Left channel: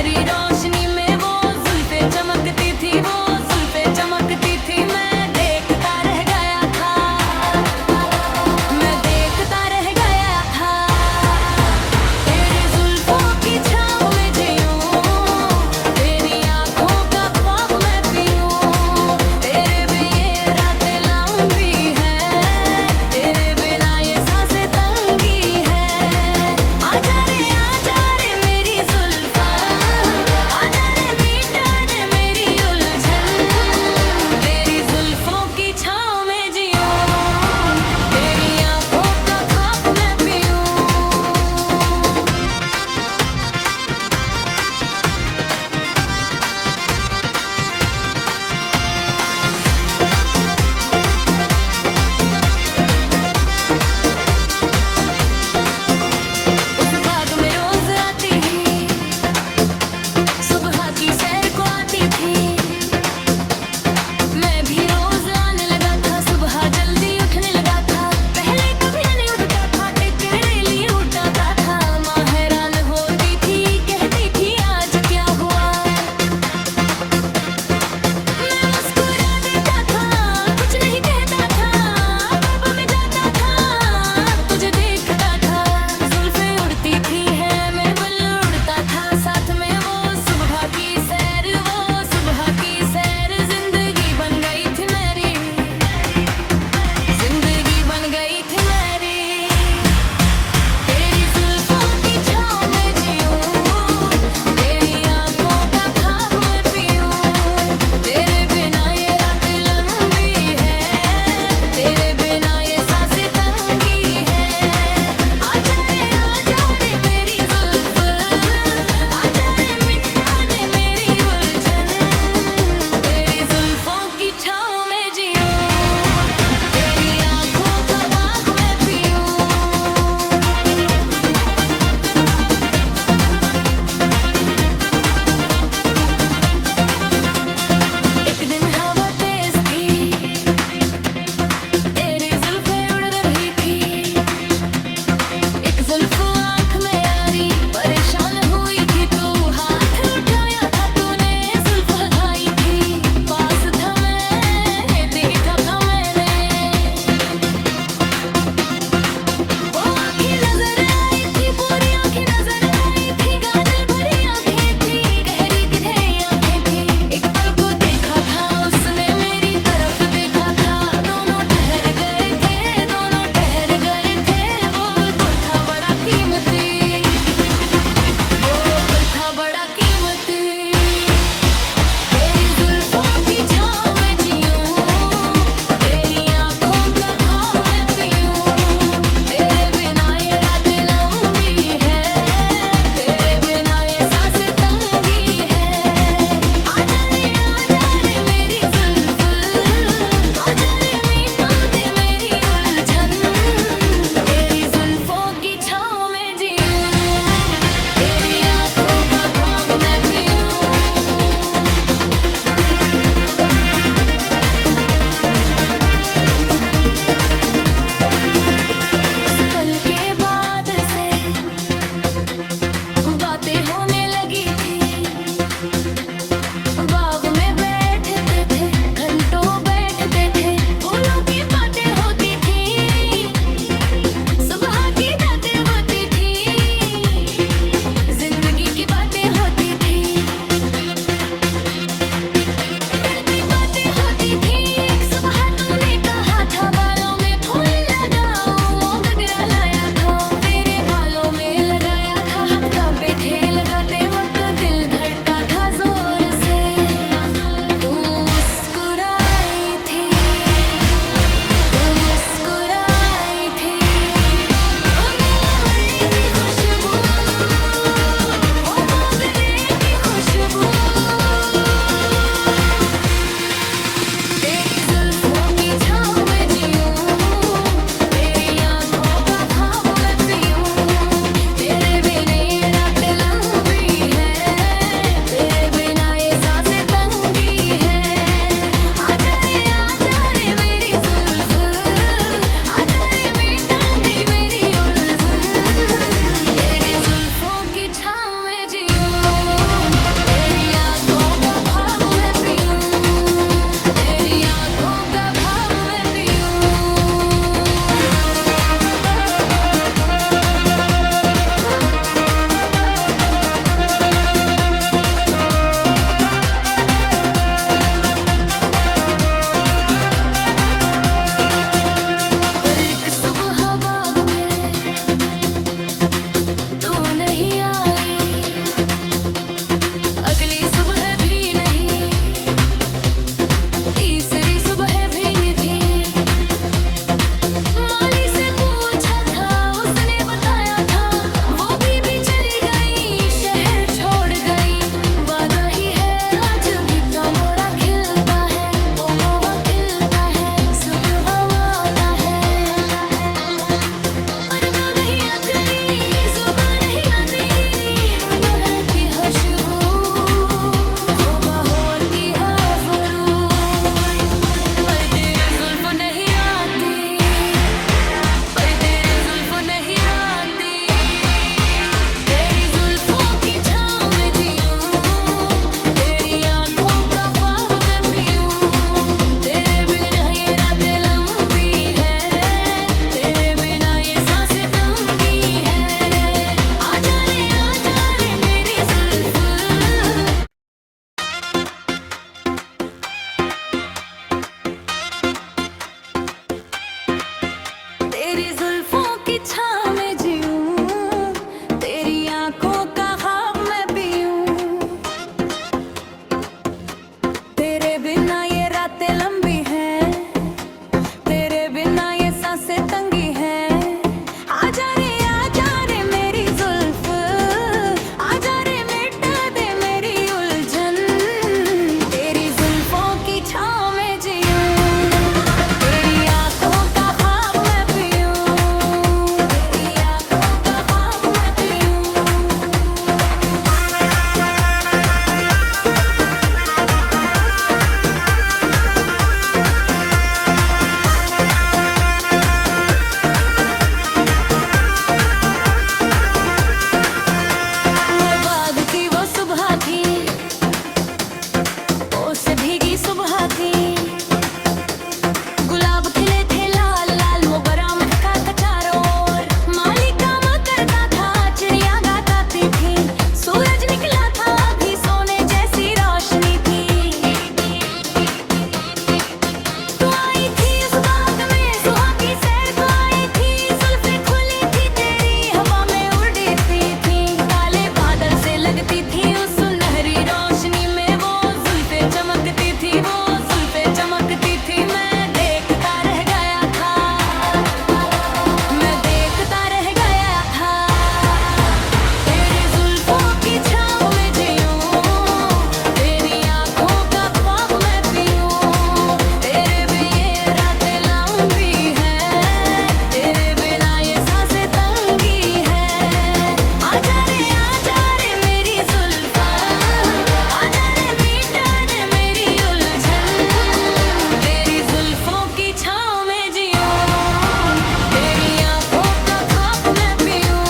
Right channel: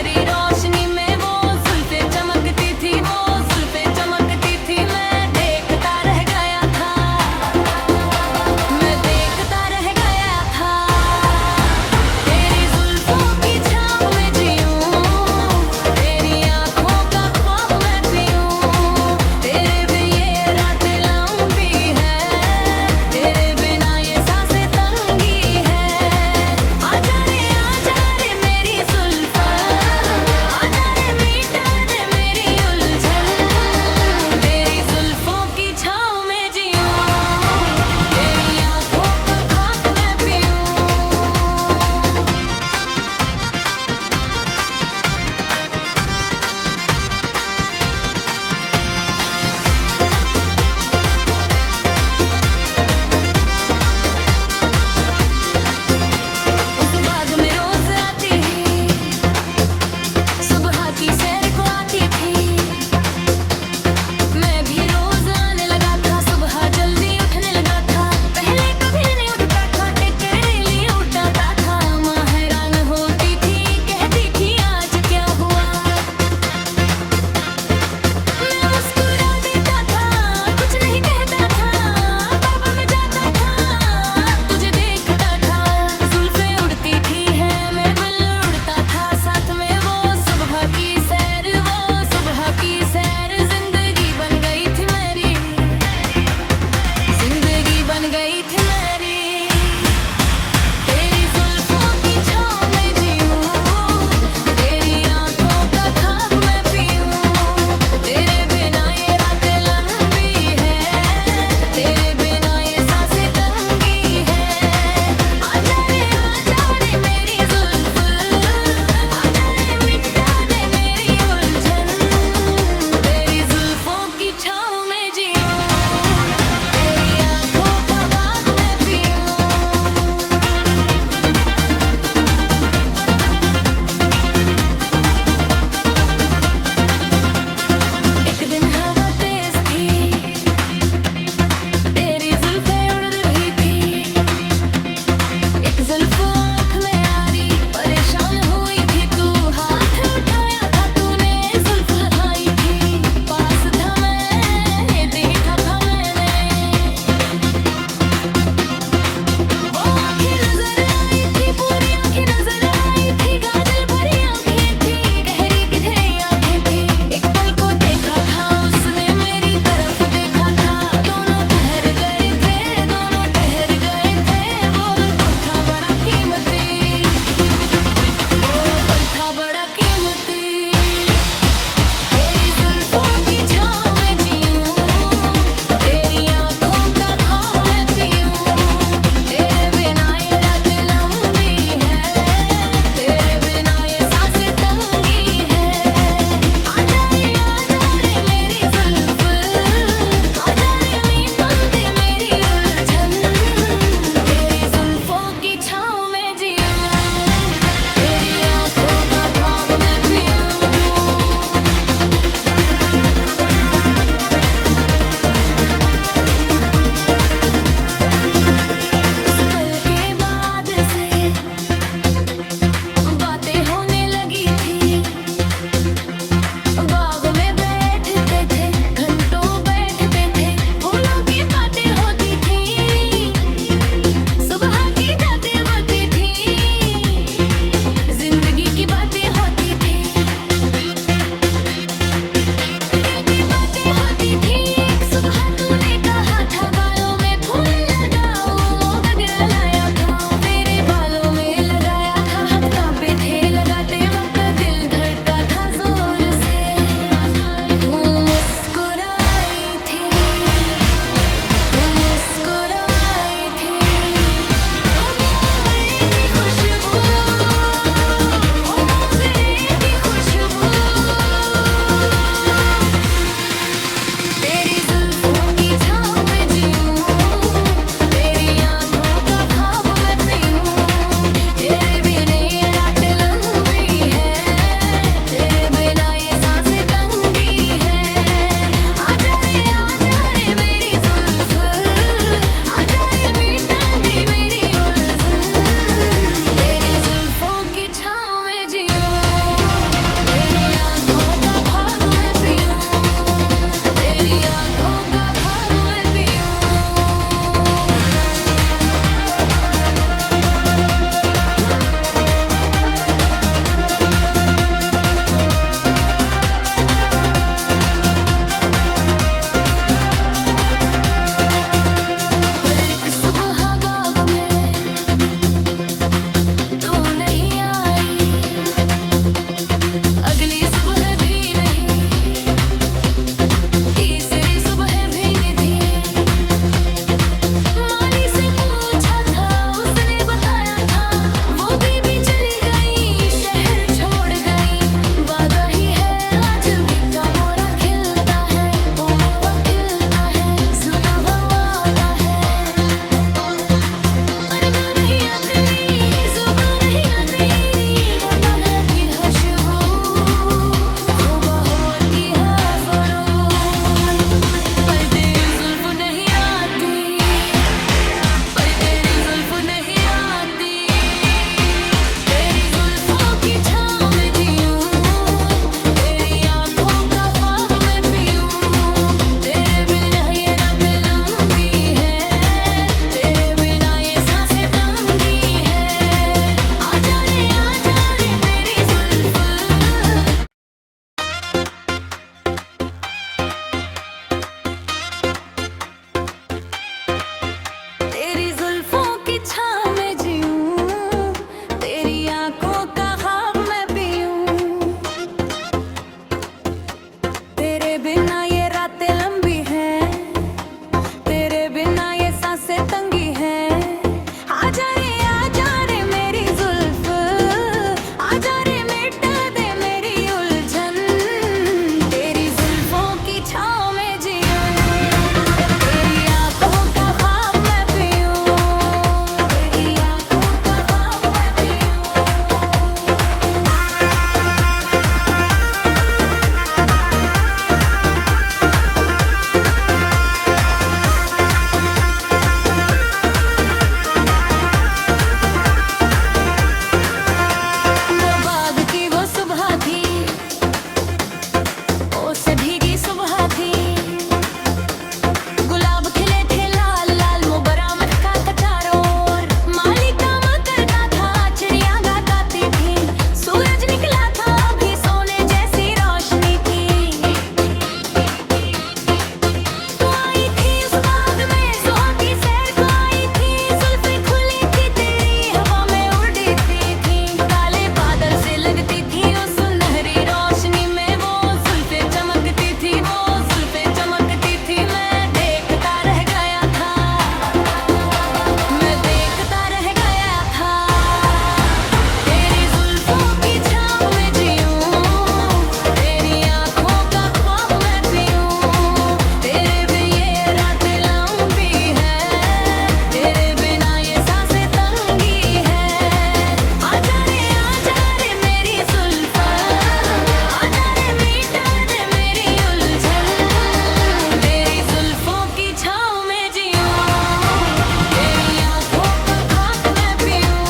सुनहरी रोशनी में वो जुल्फे चमकती थी, वो जुल्फे चमकती थी। मैं देखता रह गया था, मैं देखता रह गया था। तेरी जुल्फों की छाँव में जीऊं, तेरी आँखों का ख्वाब मैं पीऊं। तेरे बिन ये रातें लंबी है, तेरे बिना ये सांसें तंगी है। आजा रे मेरी जुल्फा, आजा रे मीठा दे मेरी उलझन। तेरी जुल्फों की छाँव में जीऊं, तेरी आँखों का ख्वाब मैं पीऊं। उस बाग में रोज आती ही, सुबह की सैर को आती थी। मैं भी रोज आने लगा था, सुबह जल्दी उठने लगा था। पहले कभी नहीं उठता था, एक करेली उठाता था। माँ हैरान होती थी, कहती थी आज क्या हुआ। मैं मुस्कुरा देता था, कुछ नहीं कहता था। बाबा में जाता था, तुझे देखता था। जुल्फे उड़ती थी है, मैं बिल उड़ता था साथ में। वो सुबह की सैर, वो सुबह की सैर जिंदगी बन गई थी मेरी, जिंदगी बन गई थी मेरी। तेरी जुल्फों की छाँव में जीऊं, तेरी आँखों का ख्वाब मैं पीऊं। तेरे बिना ये रातें लंबी है, तेरे बिना ये सांसें तंगी है। आजा रे मेरी जुल्फ, आजा रे मिटा दे मेरी उलझन। तेरी जुल्फों की छाँव में जीऊं, तेरी आँखों का ख्वाब मैं पीऊं। एक दिन हवा तेज थी, तेरी जुल्फे उड़ रही थी। एक जुल्फ आँख में आ रही, परेशान हुई थी तू। हाथ उठाया था तूने, जुल्फ हटाई थी। पास था मैंने, देखा था मैंने। वो आँखें नजर आई थी, पूरी आँखें नजर आई थी। काजल भरी आँखें थी, गहरी गहरी आँखें थी। एक पल को देखा था उसने, मेरी तरफ देखा था। दोनों ठहर गए थे, दोनों ठहर गए थे। वो पल था बड़ा कीमती, वो पल था बड़ा कीमती। तेरी जुल्फों की छाँव में जीऊं, तेरी आँखों का ख्वाब मैं पीऊं। तेरे बिना ये रातें लंबी है, तेरे बिना ये सांसें तंगी है। आजा रे मेरी जुल्फ, आजा रे मीठा दे मेरी उलझन। तेरी जुल्फों की छाँव में जीऊं, तेरी आँखों का ख्वाब मैं पीऊं। पहली सुबह भी नहीं, तीसरी सुबह भी नहीं थी। माली से पूछा था, उसने बताया था, वो बीबी चली गई, शहर छोड़ गई। बात वही है, आज भी तो मोरा खिलता है, ओ मोवा खिलता है, जुबा आता है। पर वो नहीं आती, जुबा नहीं आती, मोहब्बत की खुशबू, हो बहोर की हवरू। पर तेरी जुल्फ नहीं आती, पर तेरी जुल्फ नहीं आती। तेरी जुल्फों की छाँव में जीऊं, तेरी आँखों का ख्वाब मैं पीऊं। तेरे बिना ये रातें लंबी है, तेरे बिना ये सांसें तंगी है। आजा रे मेरी जुल्फ। तेरी जुल्फों की छाँव में जीऊं, तेरी आँखों का ख्वाब मैं पीऊं। तेरे बिना ये रातें लंबी हैं, तेरे बिना ये सांसें तंगी हैं। आजा रे मेरी जुल्फ, आजा रे मिटा दे मेरी उलझन। तेरी जुल्फों की छाँव में जीऊं, तेरी आँखों का ख्वाब मैं पीऊं, तेरी आँखों का ख्वाब मैं पीऊं। वो बाग की वो सुबह थी, ओसे भीगी सुबह थी। गुलाब खिले थे लाल लाल, मोगरा महका था चारों ओर। माली काम करता था, चिड़िया गाती थी। सूरज निकला था, अभी सोने जैसी रोशनी थी। तू आई थी उस बाग में, सुहा की सैर को आई थी। जुल्फें खुली थी तेरी, हवा में उड़ती थी। काले बादल से लगती थी उस सुनहरी रोशनी में, वो जुल्फें चमकती थी, वो जुल्फें चमकती थी। मैं देखता रह गया था, मैं देखता रह गया था। तेरी जुल्फों की छाँव में जीऊं, तेरी आँखों का ख्वाब मैं पीऊं। तेरे बिना ये रातें लंबी है, तेरे बिना ये सांसें तंगी है। आजा रे मेरी जुल्फ, आजा रे मिटा दे मेरी उलझन। तेरी जुल्फों की छाँव में जीऊं, तेरी आँखों का ख्वाब मैं पीऊं।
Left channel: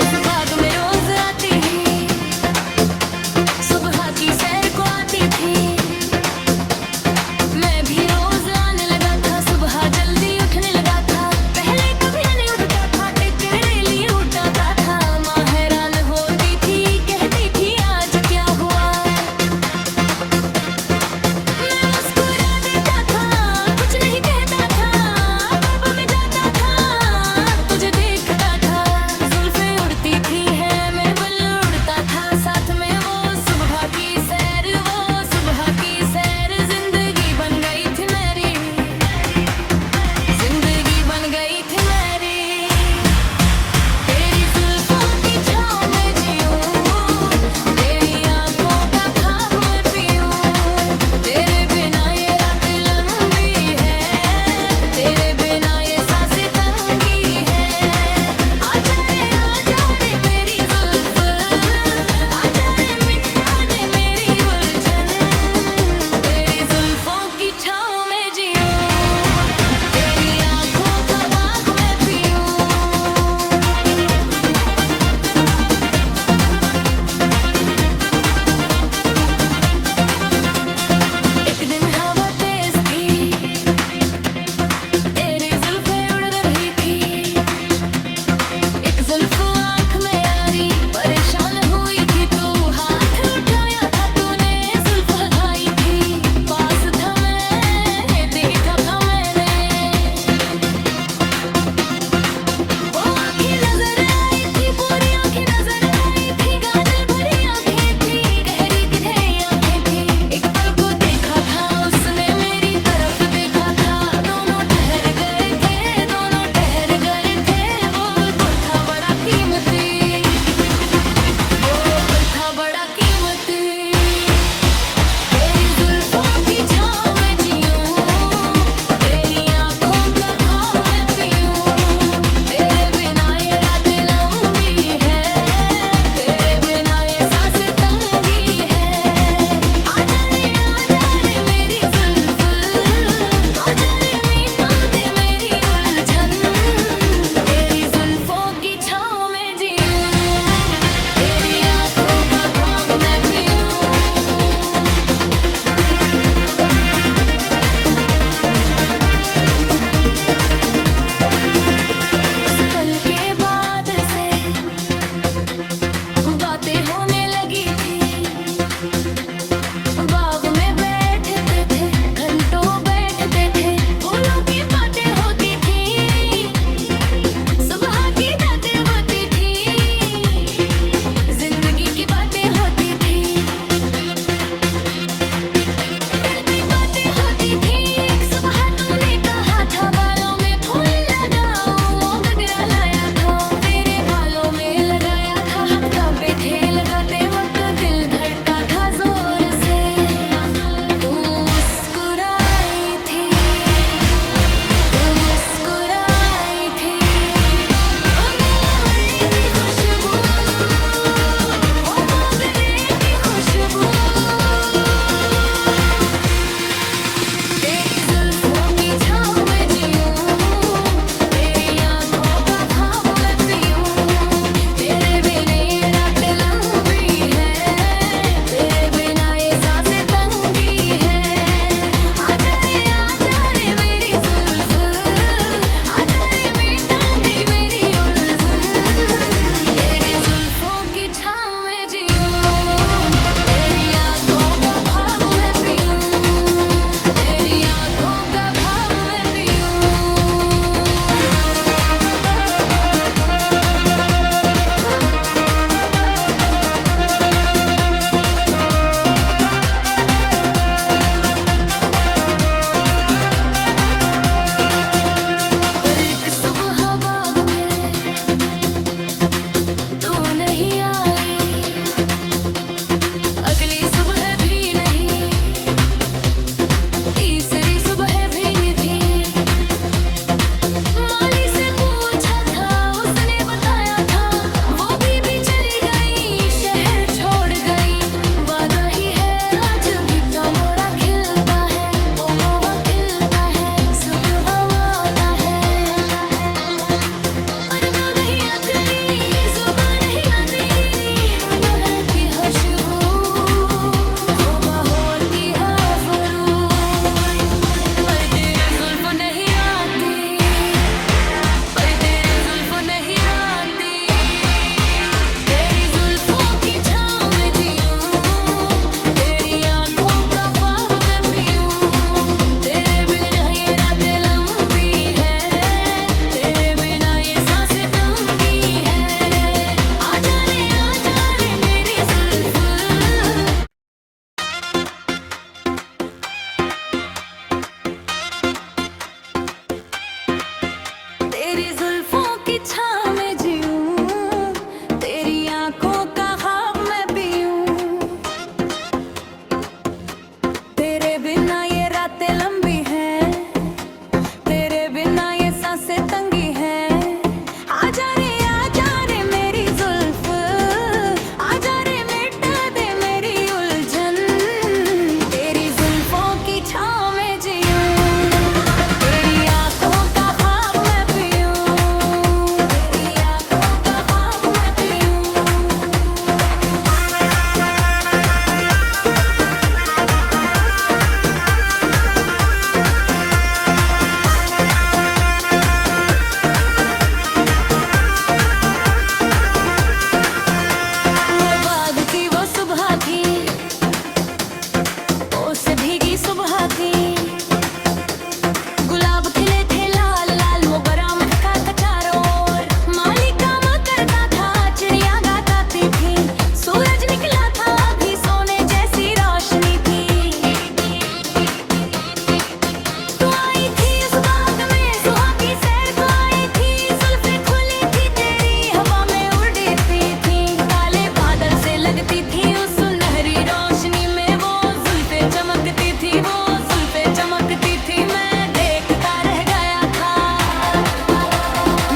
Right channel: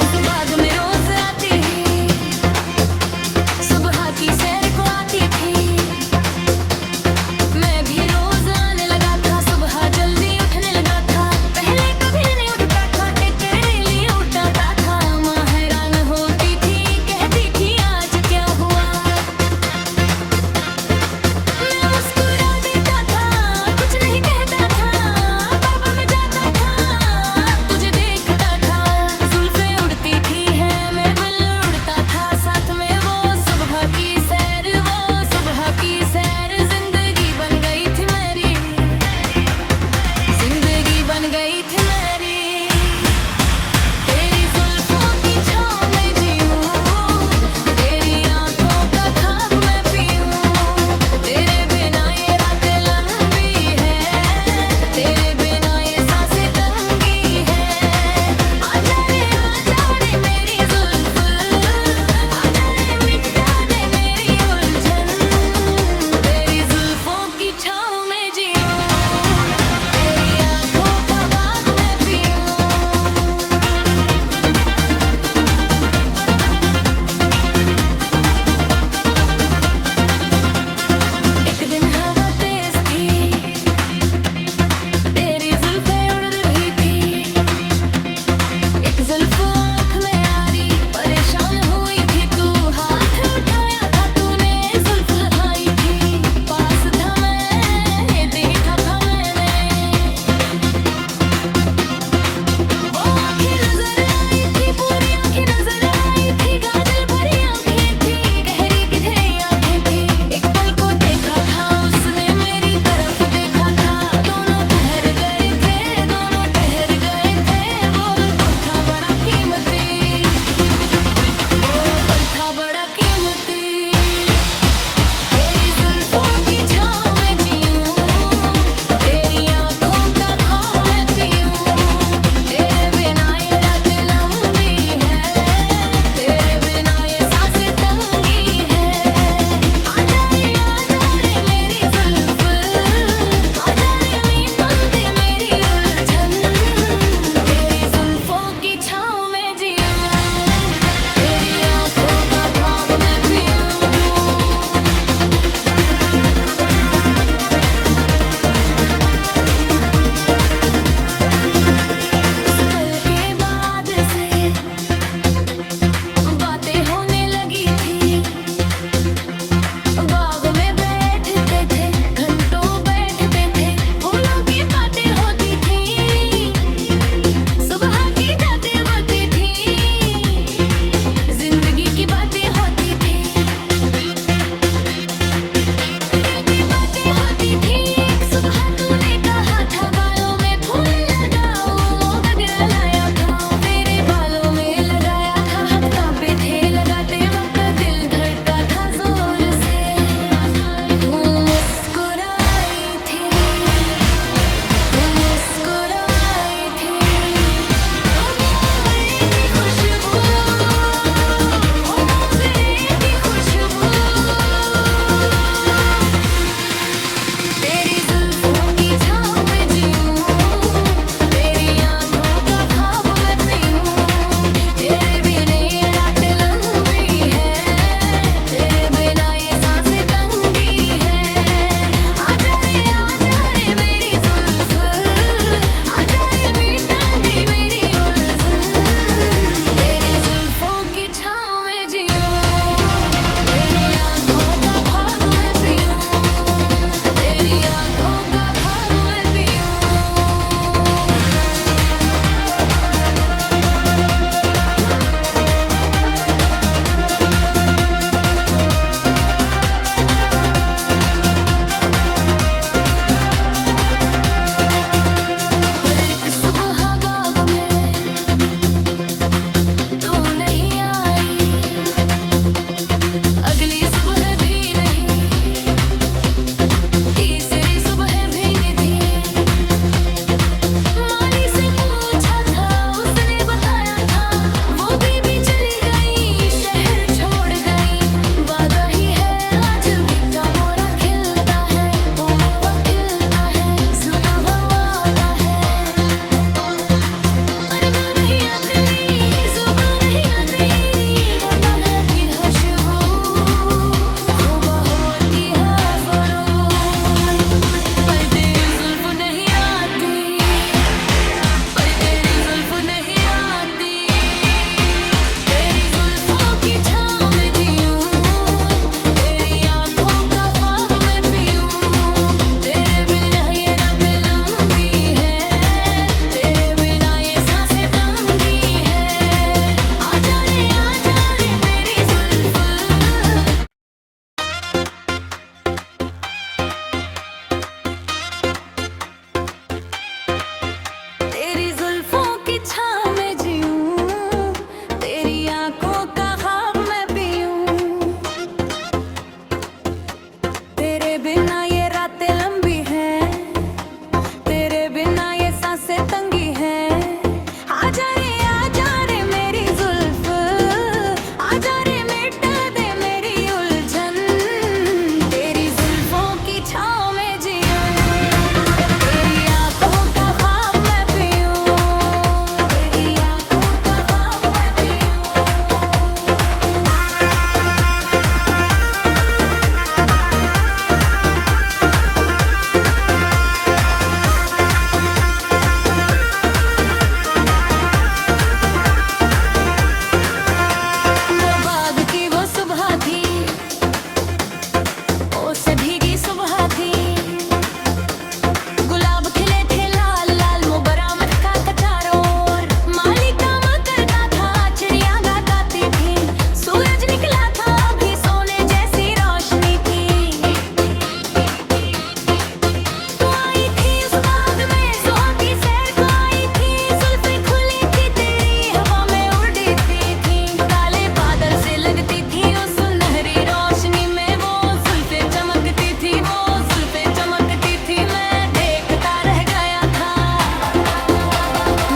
उस बाग में रोज आती ही, सुबह की सैर को आती थी। मैं भी रोज आने लगा था, सुबह जल्दी उठने लगा था। पहले कभी नहीं उठता था, एक रेली उठाता था। माँ हैरान होती थी, कहती थी आज क्या हुआ। मैं मुस्कुरा देता था, कुछ नहीं कहता था। बाबा में जाता था, तुझे देखता था। जुल्फें उड़ती थी है, मैं बल उड़ता था साथ में। वो सुबह की सैर, वो सुबह की सैर। जिंदगी बन गई थी मेरी, जिंदगी बन गई थी मेरी। तेरी जुल्फों की छाँव में जीऊं, तेरी आँखों का ख्वाब मैं पीऊं। तेरे बिना ये रातें लंबी है, तेरे बिना ये सांसें तंगी है। आजा रे मेरी जुल्फ, आजा रे मिटा दे मेरी उलझन। घूमती तेरी जुल्फों की छाँव में जीऊं तेरी आंखों का ख्वाब मैं पीऊं तेरे बिना ये रातें लंबी है तेरे बिना ये सांसें तंगी है आजा रे मेरी जुल्फ आजा रे मीठा दे मेरी उलझन तेरी जुल्फों की छाँव में जीऊं तेरी आंखों का ख्वाब मैं पीऊं उस पल के बाद से बातें होने लगी थी बाग में बैठते थे घंटों बैठते थे फूलों की बातें होती थी सुबह की बातें होती थी जिंदगी की बातें होती थी दिल की बातें होती थी एक सुबह तूने कहा था बालों में फूल लगाओ वो गगरा लाया था तेरे बालों में लगाया था हाथ कांपे थे लगाते वक्त दिल धड़का था जोर से तू मुस्कुराई थी तू मुस्कुराई थी वो मोगरे की खुशबू वो मोगरे की खुशबू तेरी जुल्फों की छाँव में जीऊं तेरी आंखों का ख्वाब मैं पीऊं तेरे बिना ये रातें लंबी है तेरे बिना ये सांसें तंगी है आजा रे मेरी जुल्फ आजा रे मीठा दे मेरी उलझन तेरी जुल्फों की छाँव में जीऊं तेरी आंखों का ख्वाब मैं पीऊं तेरी आंखों का ख्वाब मैं पीऊं पर एक सुबह बाग में तू नहीं आई अगली सुबह भी नहीं तीसरी सुबह भी नहीं थी माली से पूछा था उसने बताया था वो भी चली गई शहर छोड़ गई वादा ही है आज भी तो मोरा खिलता है ओ मोवा खिलता है जुबा वादा है पर वो नहीं आती जुबा नहीं आती वो नगरा की खुशबू हो होती है ज़रूर पर तेरी जुल्फ नहीं आती पर तेरी जुल्फ नहीं आती तेरी जुल्फों की छाँव में जीऊं तेरी आंखों का ख्वाब मैं पीऊं तेरे बिना ये रातें लंबी है तेरे बिना ये सांसें तंगी है आजा रे मेरी जुल्फ तेरी जुल्फों की छाँव में जीऊं तेरी आंखों का ख्वाब मैं पीऊं तेरे बिना ये रातें लंबी हैं तेरे बिना ये सांसें तंगी हैं आजा रे मेरी जुल्फ आजा रे मिटा दे मेरी उलझन तेरी जुल्फों की छाँव में जीऊं तेरी आंखों का ख्वाब मैं पीऊं तेरी आंखों का ख्वाब मैं पीऊं लगती थी उस सुनहरी रोशनी में वो जुल्फे चमकती थी, वो जुल्फे चमकती थी। मैं देखता रह गया था,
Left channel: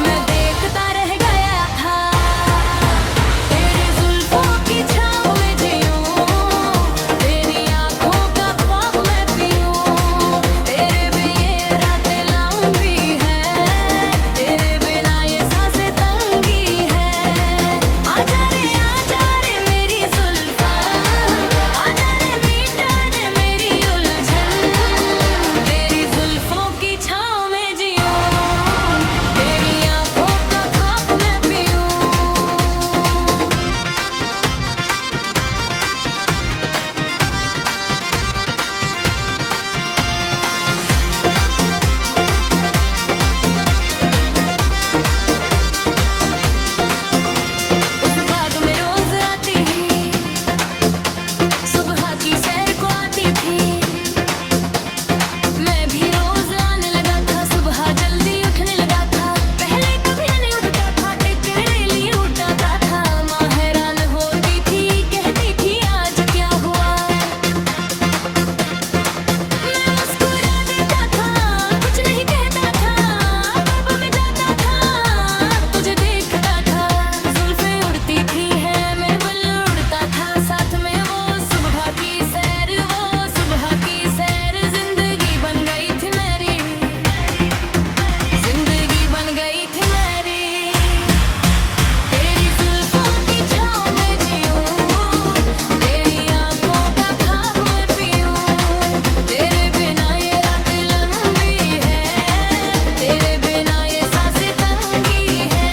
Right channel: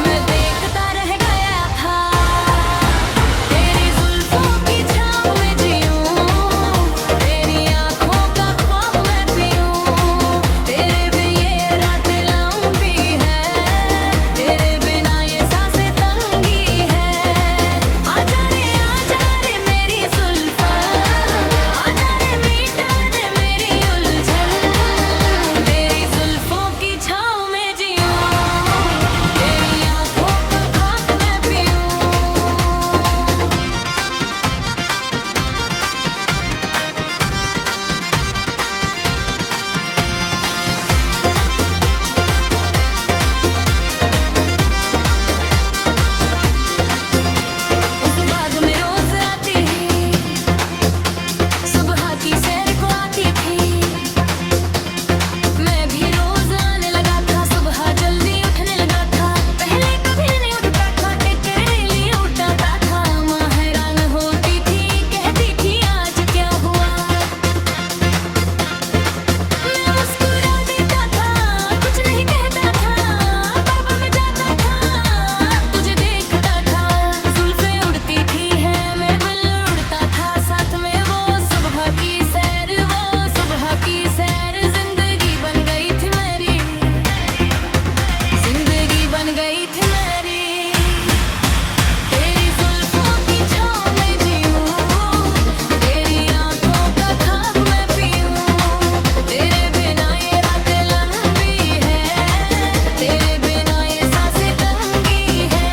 मैं देखता रह गया था। तेरी जुल्फों की छाँव में जीऊं, तेरी आँखों का ख्वाब मैं पीऊं। तेरे बिन ये रातें लंबी है, तेरे बिना ये सांसें तंगी है। आजा रे मेरी जुल्फा, आजा रे मीठा दे मेरी उलझन। तेरी जुल्फों की छाँव में जीऊं, तेरी आँखों का ख्वाब मैं पीऊं। उस बाग में रोज आती ही, सुबह की सैर को आती थी। मैं भी रोज आने लगा था, सुबह जल्दी उठने लगा था। पहले कभी नहीं उठता था, एक तेरे लिए उठाता था। माँ हैरान होती थी, कहती थी आज क्या हुआ। मैं मुस्कुरा देता था, कुछ नहीं कहता था। बाबा में जाता था, तुझे देखता था। जुल्फे उड़ती थी है, मैं बिल उड़ता था साथ में। वो सुबह की सैर, वो सुबह की सैर जिंदगी बन गई थी मेरी, जिंदगी बन गई थी मेरी। तेरी जुल्फों की छाँव में जीऊं, तेरी आँखों का ख्वाब मैं पीऊं। तेरे बिना ये रातें लंबी है, तेरे बिना ये सांसें तंगी है।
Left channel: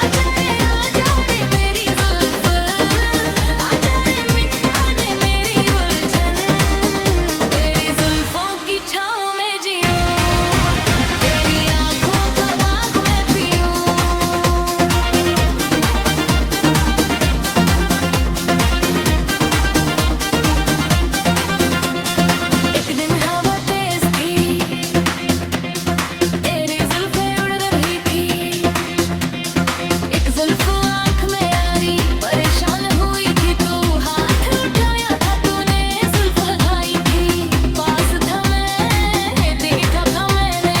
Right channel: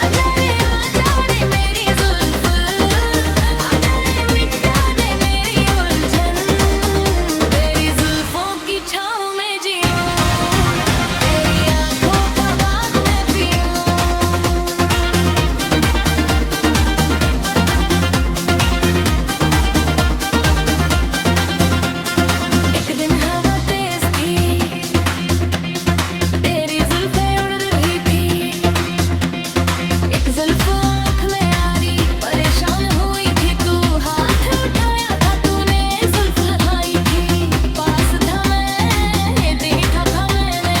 आजा रे मेरी जुल्फ, आजा रे मिटा दे मेरी उलझन। तेरी जुल्फों की छाँव में जीऊं, तेरी आँखों का बाग मैं पीऊं। एक दिन हवा तेज थी, तेरी जुल्फे उड़ रही थी। एक जुल्फ आँख में आ रही, परेशान हुई थी तू। हाथ उठाया था तूने, जुल्फ हटाई थी। पास था मैं, देखा था मैंने।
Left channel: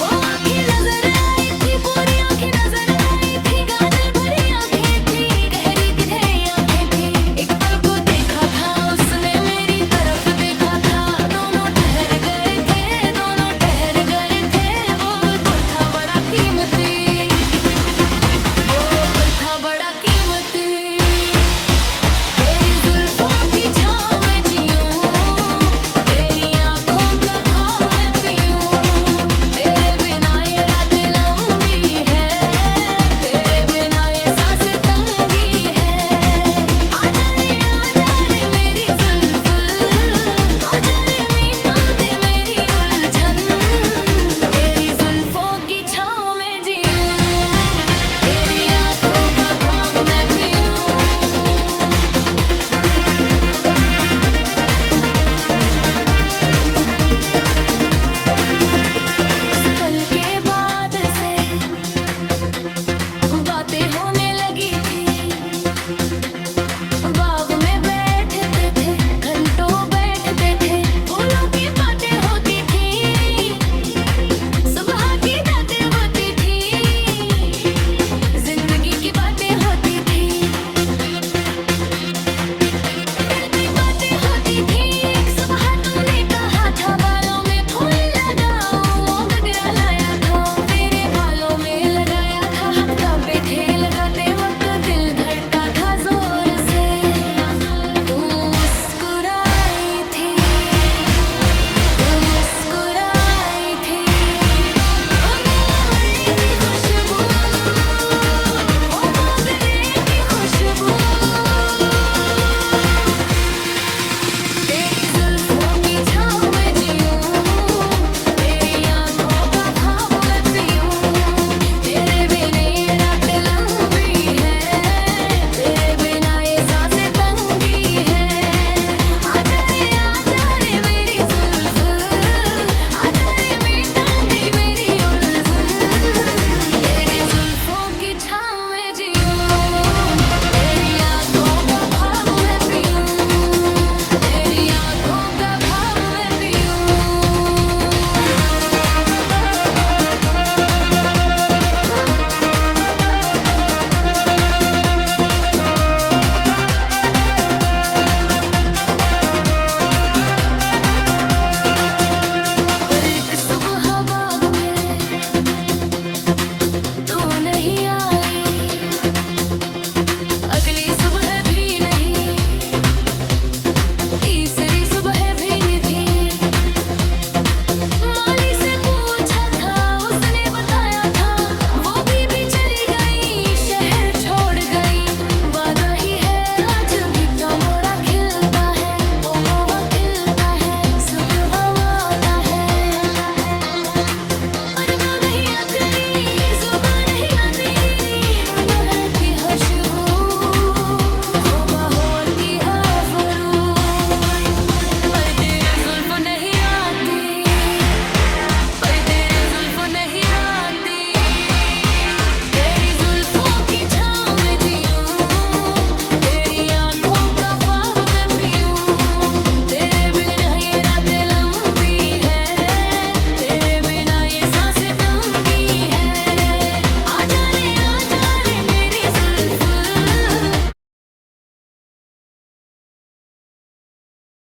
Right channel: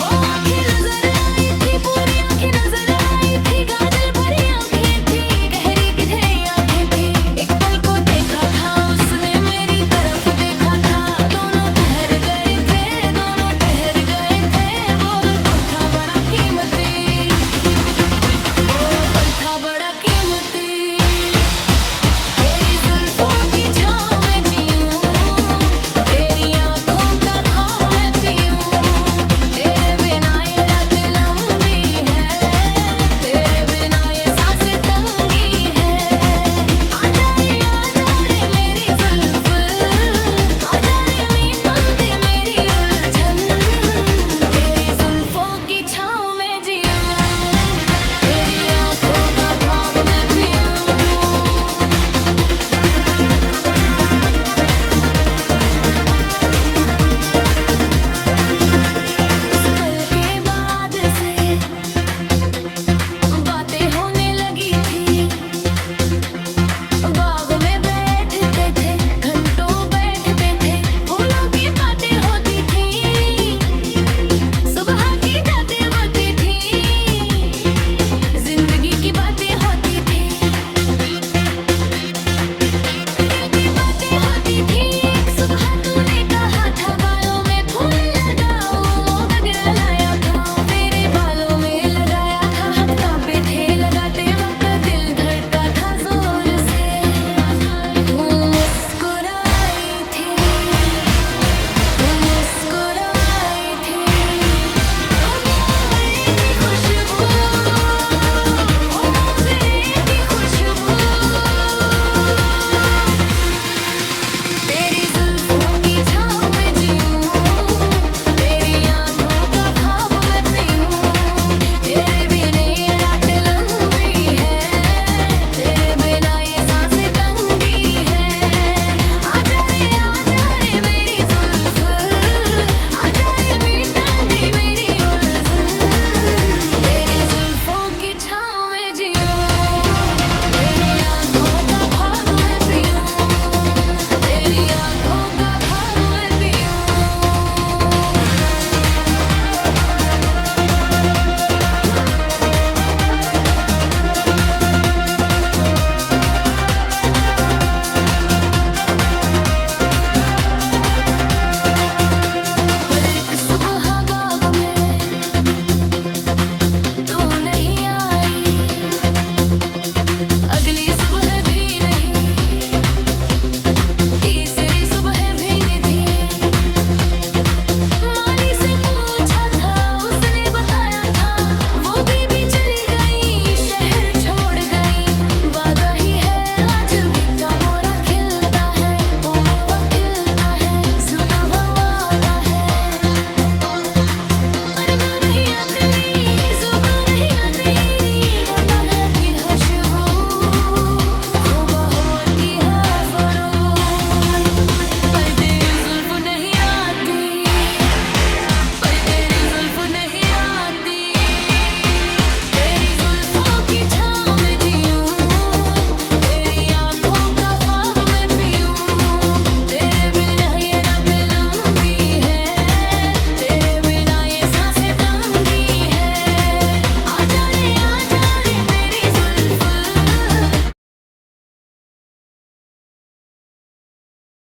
वो आँखें नजर आई थी, पूरी आँखें नजर आई थी। काजल भरी आँखें थी, गहरी गहरी आँखें थी। एक पल को देखा था उसने, मेरी तरफ देखा था। दोनों ठहर गए थे, दोनों ठहर गए थे। वो पल था बड़ा कीमती, वो पल था बड़ा कीमती।